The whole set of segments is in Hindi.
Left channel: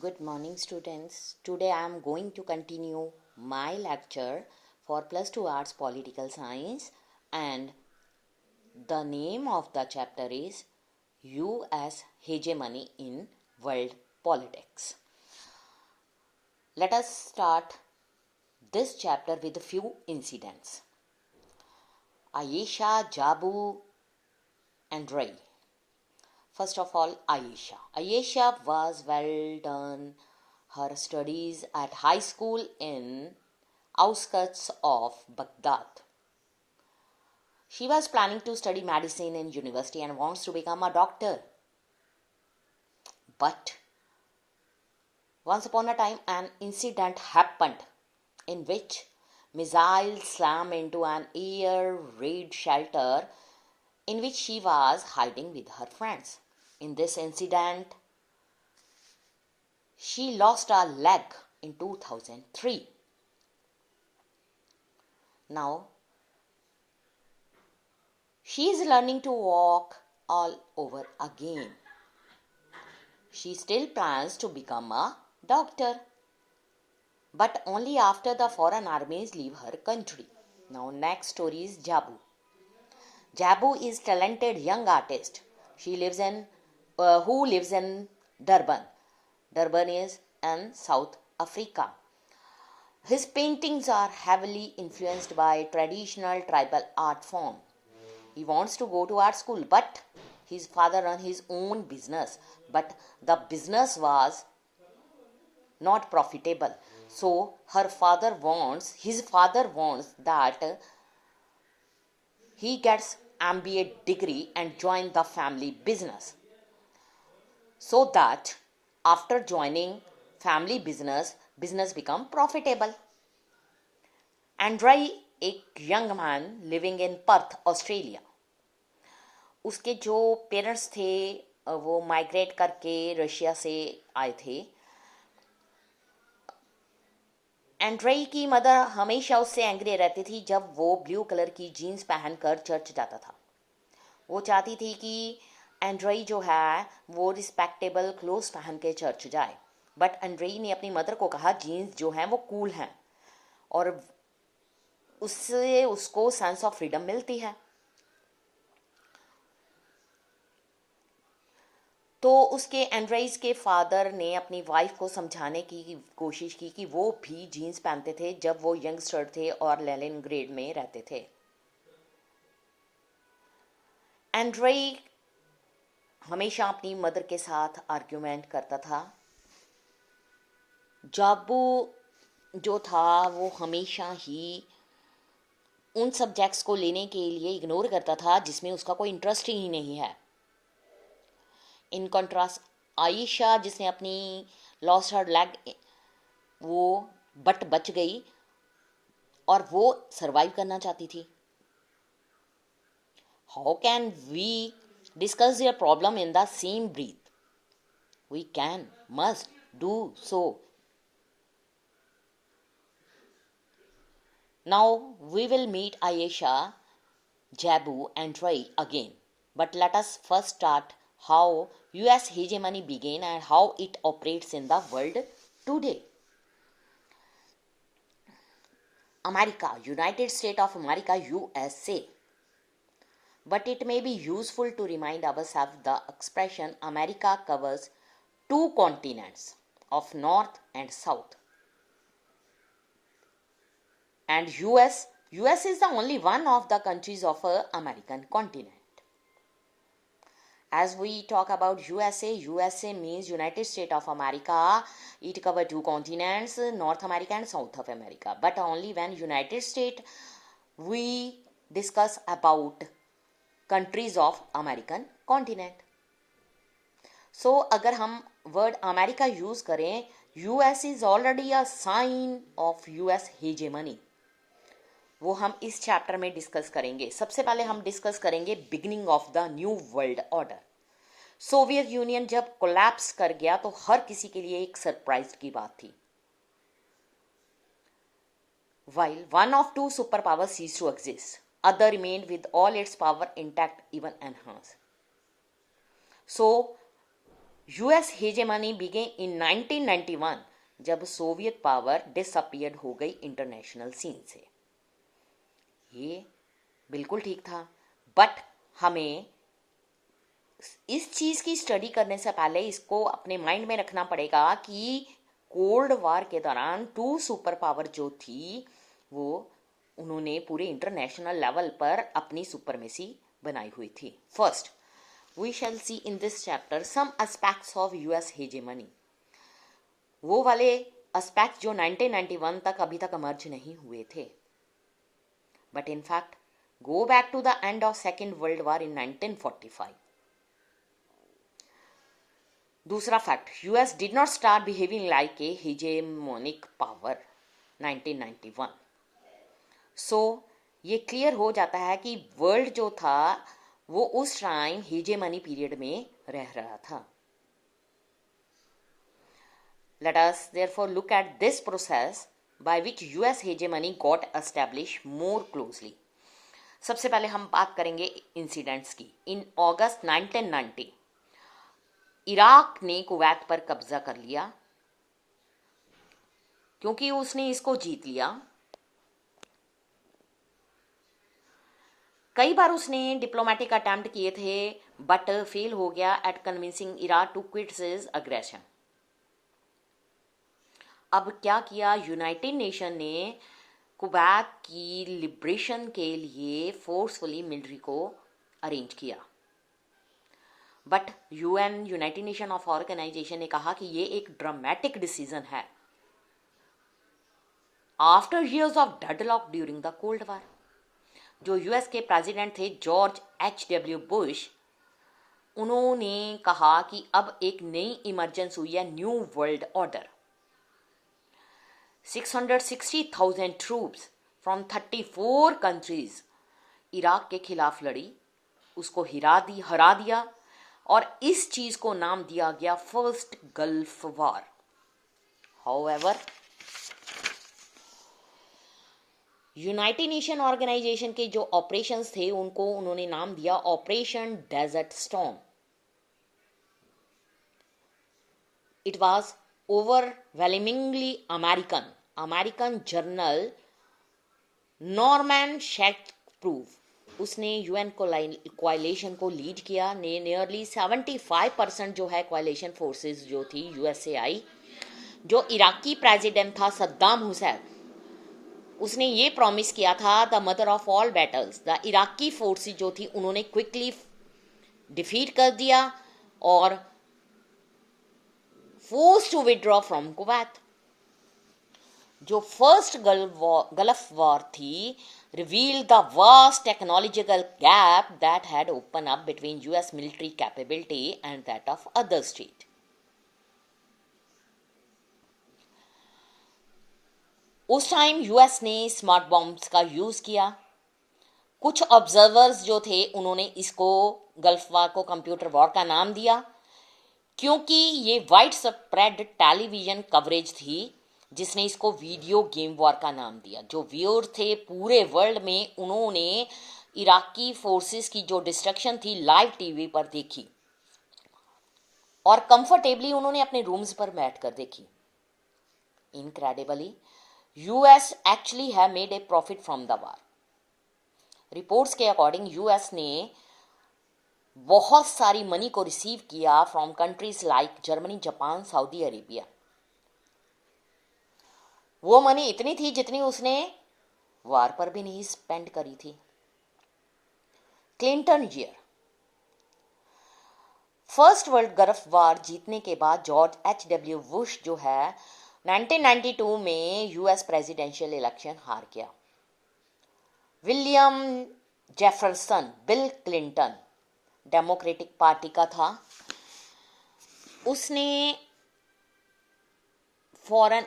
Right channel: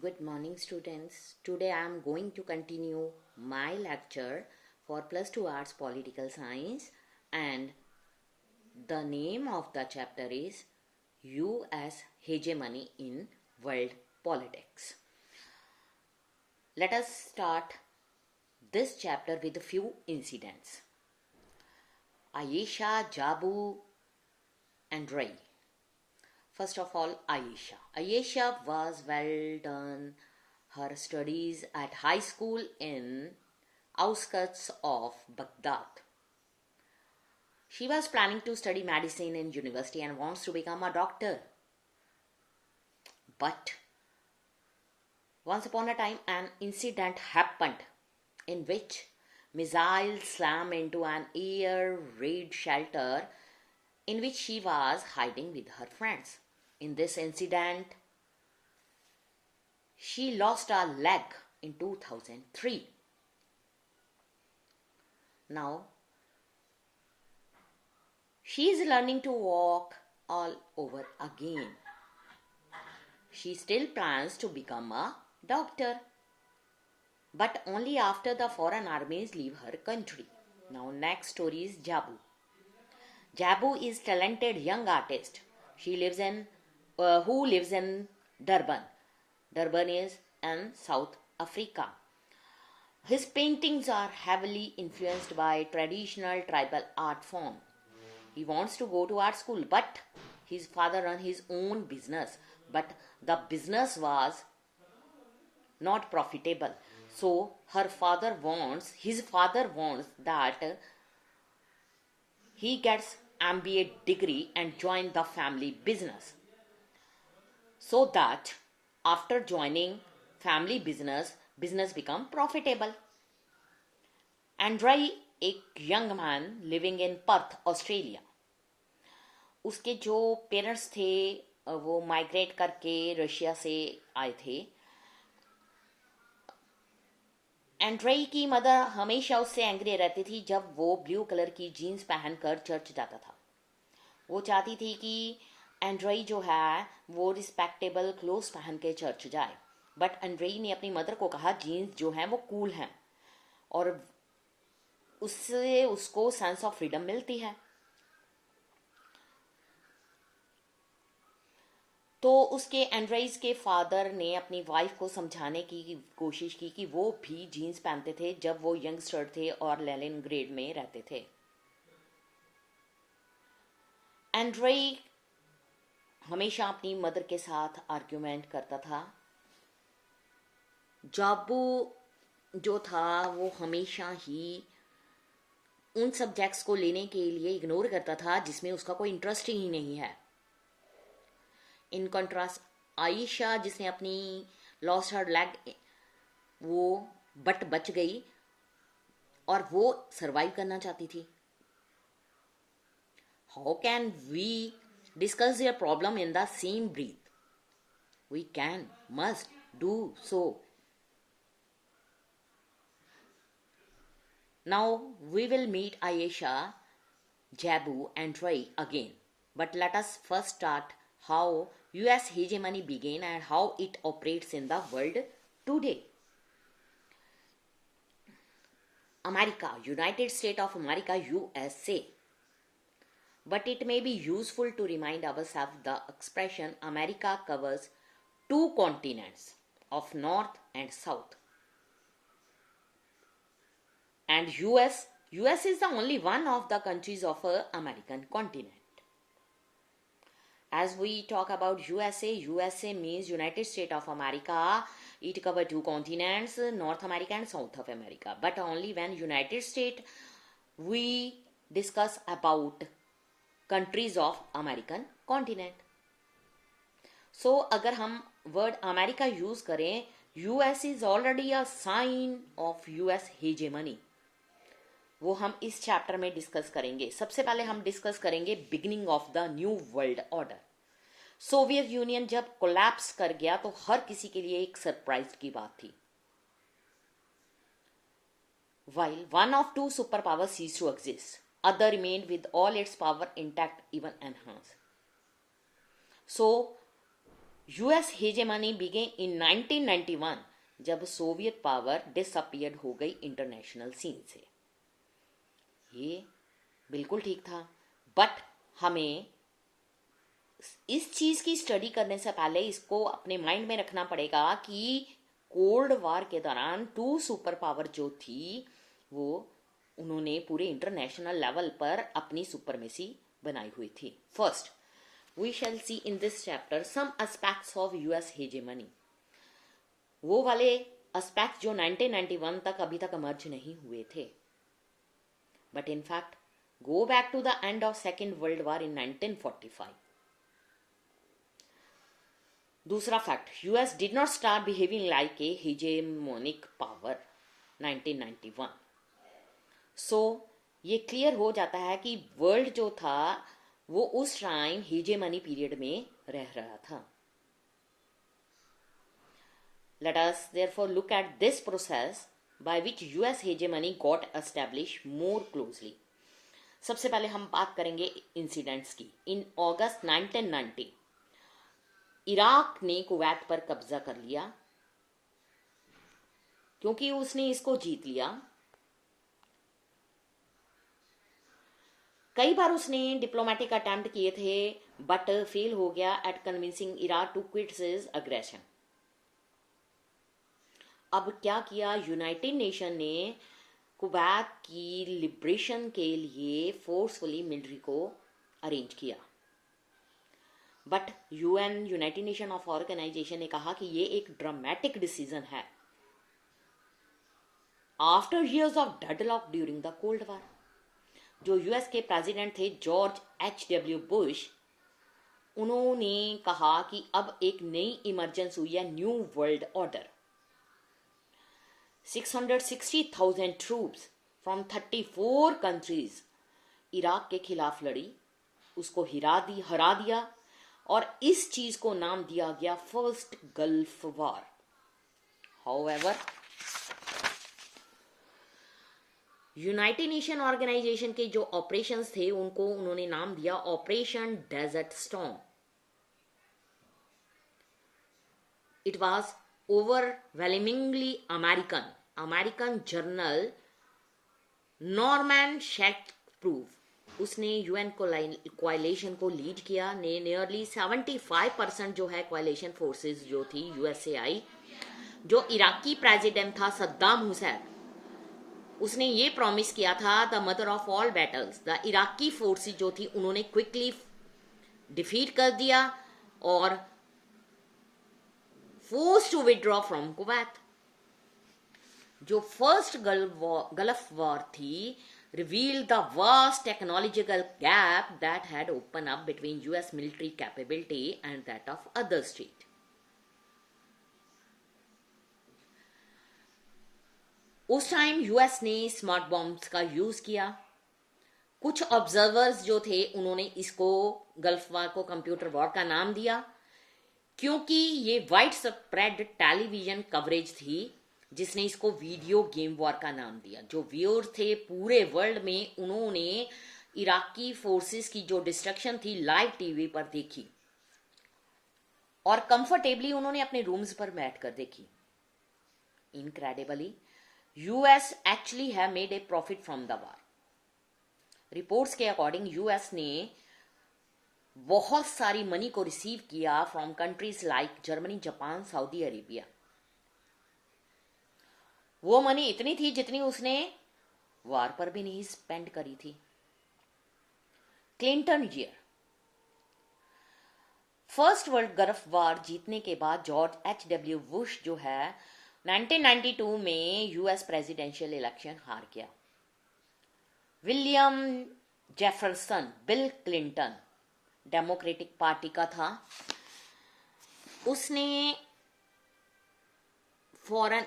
Good morning, students. Today I am going to continue my lecture for plus 2 arts political science, and the name of the chapter is US hegemony in world politics. Let us start this chapter with a few incidents. Ayesha, Jabu, and Ray. First of all, Ayesha. Ayesha was well done her studies at high school in outskirts of Baghdad. She was planning to study medicine in university and wants to become a doctor. But once upon a time, an incident happened in which missiles slammed into an air raid shelter in which she was hiding with her friends. In this incident, she lost a leg in 2003. Now, she is learning to walk all over again. She still plans to become a doctor, but only after the foreign armies leave her country. Now, next story is Jabu. Jabu is talented young artist. She lives in who lives in Durban. Durban is in South Africa. His paintings are heavily influenced by traditional tribal art form. He wants to go to art school, but his father ran his own business, but the business was not profitable. So his father wants that he gets MBA degree and join the family business, so that after joining family business become profitable. Andrei, एक young man living in Perth Australia, उसके जो पेरेंट्स थे वो माइग्रेट करके रशिया से आए थे. एंड्रई की मदर हमेशा उससे एंग्री रहती थी जब वो ब्लू कलर की जीन्स पहनकर चर्च जाता था. वो चाहती थी कि एंड्रई जो है वो रिस्पेक्टेबल क्लोथ्स पहन के चर्च जाए, बट एंड्रई ने अपनी मदर को कहा जीन्स जो है वो कूल हैं और उससे उसको सेंस ऑफ फ्रीडम मिलती है. तो उसके एंड्रईज के फादर ने अपनी वाइफ को समझाने की कोशिश की कि वो भी जीन्स पहनते थे जब वो यंगस्टर थे और लेनिनग्रेड में रहते थे. एंड्रई हमेशा अपनी मदर के साथ आर्ग्यूमेंट करता था. जाबू जो था वो हमेशा ही उन सब्जेक्ट्स को लेने के लिए इग्नोर करता था जिसमें उसका कोई इंटरेस्ट ही नहीं है. इन कंट्रास्ट आयशा, जिसने अपनी लॉस्ट हर लेग वो बच गई और वो सरवाइव करना चाहती थी. How can we discuss their problem in the same breath? We can, must do so. Now we will meet Ayesha, Jabu and Ray again. But let us first start how US hegemony began and how it operates in the world today. America, United States of America, USA. But it may be useful to remind ourselves the expression America covers two continents of North and South. And US is the only one of the countries of the American continent. As we talk about USA means United States of America. It covers two continents, North America and South of America. But only when United States we discuss about countries of American continent. So अगर हम वर्ड अमेरिका यूज करें, US is already a sign of US hegemony. वो हम इस चैप्टर में डिस्कस करेंगे. सबसे पहले हम डिस्कस करेंगे beginning of the new world order. Soviet union जब कोलैप्स कर गया तो हर किसी के लिए एक सरप्राइज की बात थी. While one of two superpowers ceased to exist, other remained with all its power intact, even enhanced. So US hegemony began in 1991 जब सोवियत पावर डिसअपियर्ड हो गई इंटरनेशनल सीन से। ये बिल्कुल ठीक था, बट हमें इस चीज़ की स्टडी करने से पहले इसको अपने माइंड में रखना पड़ेगा कि कोल्ड वार के दौरान टू सुपर पावर जो थी वो उन्होंने पूरे इंटरनेशनल लेवल पर अपनी सुपरमेसी बनाई हुई थी। First, we shall see in this chapter some aspects of US hegemony. वो वाले एस्पेक्ट जो 1991 तक अभी तक इमर्ज नहीं हुए थे, but in fact go back to the end of Second World War in 1945. दूसरा fact, US did not start behaving like a hegemonic power 1991. सो ये क्लियर हो जाता है कि वर्ल्ड जो था वो उस टाइम हेजेमनी पीरियड में रह रहा था. Let us therefore look at this process by which US hegemony got established more closely. सबसे पहले हम बात करेंगे इंसिडेंट्स की. इन अगस्त 1990 इराक ने कुवैत पर कब्जा कर लिया. क्योंकि उसने इसको जीत लिया, कई बार उसने डिप्लोमेटिक अटेम्प्ट किए थे बट फेल हो गया at convincing Iraq to quit his aggression. अब क्या किया, यूनाइटेड नेशन ने कुवैत की लिबरेशन के लिए फोर्सफुली मिलिट्री को अरेंज किया. But UN, United Nation of organisation ने कहा कि ये एक ड्रामेटिक डिसीजन है after years of deadlock during the cold war. जो यूएस के प्रेसिडेंट थे जॉर्ज H.W. बुश, उन्होंने कहा कि अब एक नई इमरजेंसी हुई है, new world order. 660,000 troops from 34 countries Iraq के खिलाफ लड़ी, उसको हरा दिया और इस चीज को नाम दिया गया first gulf war. However, United Nation Organization के जो ऑपरेशंस थे उनको उन्होंने नाम दिया operation desert storm. It was overwhelmingly American general Norman Schwarzkopf, उसने यूएन कोalition को लीड किया. ने नियरली 75% जो है कोalition फोर्सेस जो थी यूएस से आई. जो इराकी प्रेसिडेंट था सद्दाम हुसैन, उसने ये प्रॉमिस किया था the mother of all battles. The Iraqi forces जो थी उन्होंने क्विकली डिफीट कर दिया और forced to withdraw from Kuwait. जो फर्स्ट गल्फ वॉर थी revealed the vast technological gap that had opened up between US military capability and that of other states. उस टाइम यूएस ने स्मार्ट बॉम्ब्स का यूज किया. कुछ ऑब्जर्वर्स जो थे उन्होंने इसको गल्फ वॉर को कंप्यूटर वॉर का नाम दिया, क्योंकि ये वाइड स्प्रेड टेलीविजन कवरेज थी जिसने इसको वीडियो गेम वॉर का नाम दिया. जो व्यूअर थे पूरे वर्ल्ड में, उन्होंने इराकी फोर्सेस की जो डिस्ट्रक्शन थी लाइव टीवी पर देखी और कंफर्टेबली उन्होंने अपने रूम्स पर बैठ कर देखी. Incredibly US actually have made a profit from the war. Reports के अकॉर्डिंग यूएस ने बहुत सारी मनी को रिसीव किया from countries like Germany, Japan, Saudi Arabia. वो मनी इतनी थी जितनी उसने वार पर भी नहीं स्पेंड करी थी. Clinton year, first world gulf war जीतने के बाद जॉर्ज H.W. बुश जो है 1992 में यूएस प्रेसिडेंशियल इलेक्शन हार गया. William Jefferson, bill Clinton democratic party का था, उसने फॉरेन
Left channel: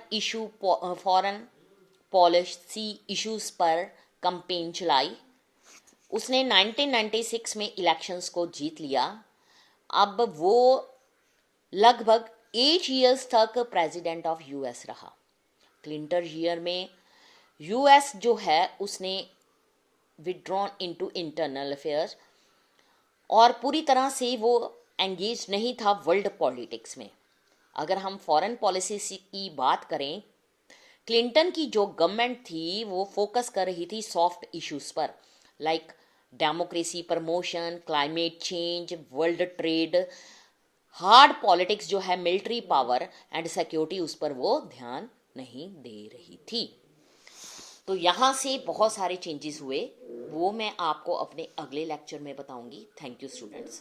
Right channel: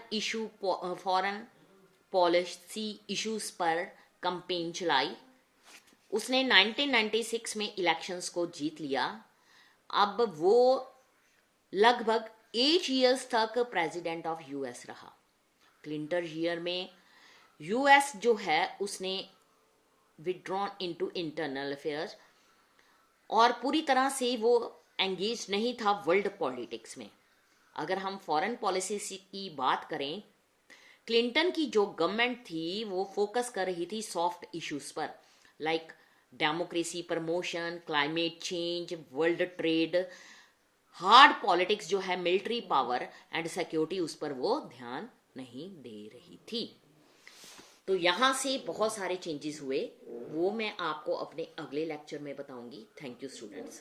पॉलिसी इश्यूज पर कैंपेन चलाई. उसने 1996 में इलेक्शंस को जीत लिया. अब वो लगभग 8 इयर्स तक प्रेसिडेंट ऑफ यूएस रहा. क्लिंटन ईयर में यूएस जो है उसने विड्रॉन इनटू इंटरनल अफेयर्स और पूरी तरह से वो एंगेज नहीं था वर्ल्ड पॉलिटिक्स में। अगर हम फॉरेन पॉलिसी की बात करें, क्लिंटन की जो गवर्नमेंट थी वो फोकस कर रही थी सॉफ्ट इश्यूज पर, like democracy promotion, climate change, world trade. Hard politics जो है, मिलिट्री पावर एंड सिक्योरिटी, उस पर वो ध्यान नहीं दे रही थी। तो यहाँ से बहुत सारे चेंजेस हुए, वो मैं आपको अपने अगले लेक्चर में बताऊंगी। Thank you students.